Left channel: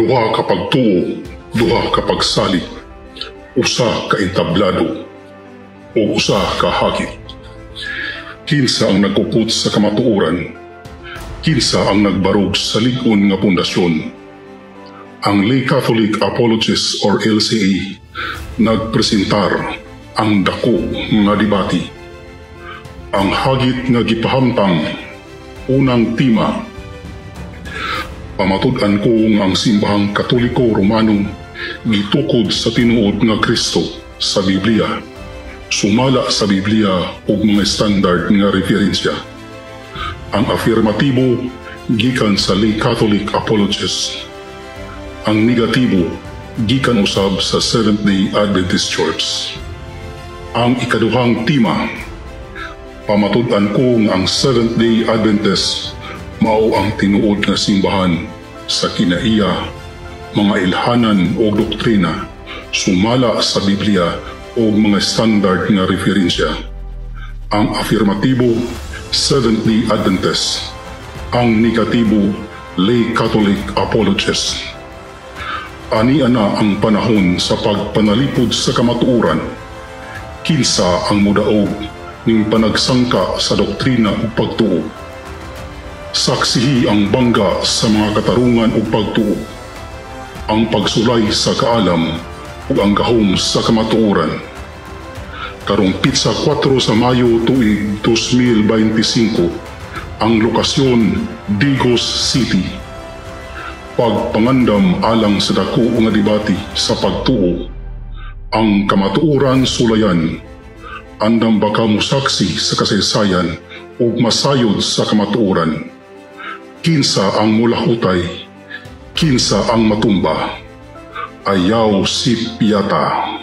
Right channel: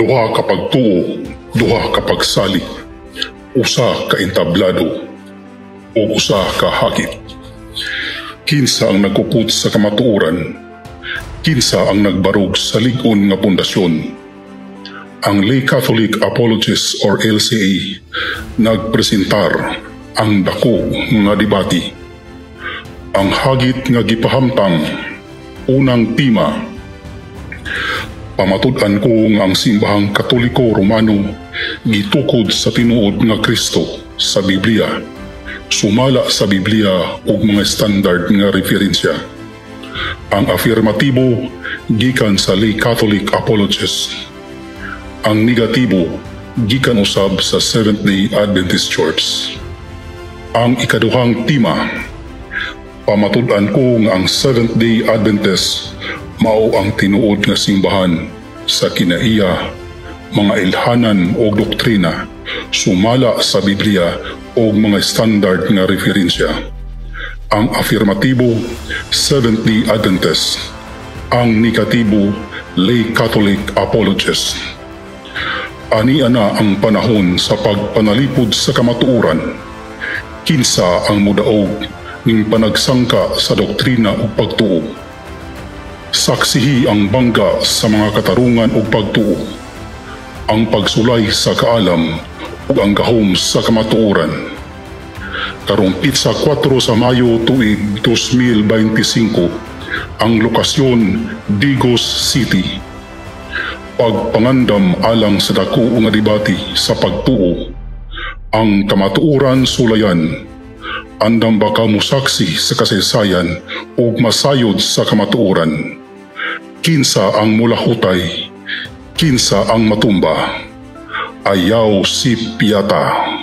Duha ka pagtuo, duha ka pagsali, usa ka entablado, o usa ka hagit. Kinsa ang nagkukot sa kamatuoran, kinsa ang nagbarog sa lig-on nga pundasyon. Ang Lay Catholic Apologists or LCA nagpresentar ang dako nga debate. Ang hagit nga gipahamtang, unang tema, pamatud-an ko nga ang simbahang Katoliko Romano gitukod sa tinuod nga Kristo sa Biblia, sumala sa Biblia ug mga standard nga referensya. Ang afirmatibo gikan sa Lay Catholic Apologists. Ang negatibo gikan usab sa Seventh-day Adventist Church. Ang ikaduhang tema, pamatud-an ko nga ang Seventh-day Adventist mao ang tinuod nga simbahan sa kinaiya, mga ilhanan o doktrina, sumala sa Biblia o mga standard nga referensya. Ang afirmatibo, Seventh-day Adventist. Ang negatibo, Lay Catholic Apologist. Ania na ang panahon sa pagpanalipod sa kamatuoran. Kinsa ang mudaog ning panagsangka sa doktrina ug pagtuo. Saksihi ang bangga sa mga katarungan ug pagtuo. Ang pagsulay sa kaalam ug ang gahom sa kamatuoran. Karong Pitsa 4 sa Mayo tuig 2025, ang lokasyon Digos City. Pagpangandam alang sa dako nga debate sa pagtuo. Ang kamatuoran sulayan. Andam baka musaksi sa kasaysayan o masayod sa kamatuoran. Kinsa ang mulahutay, kinsa ang matumba. Ayaw si Piata.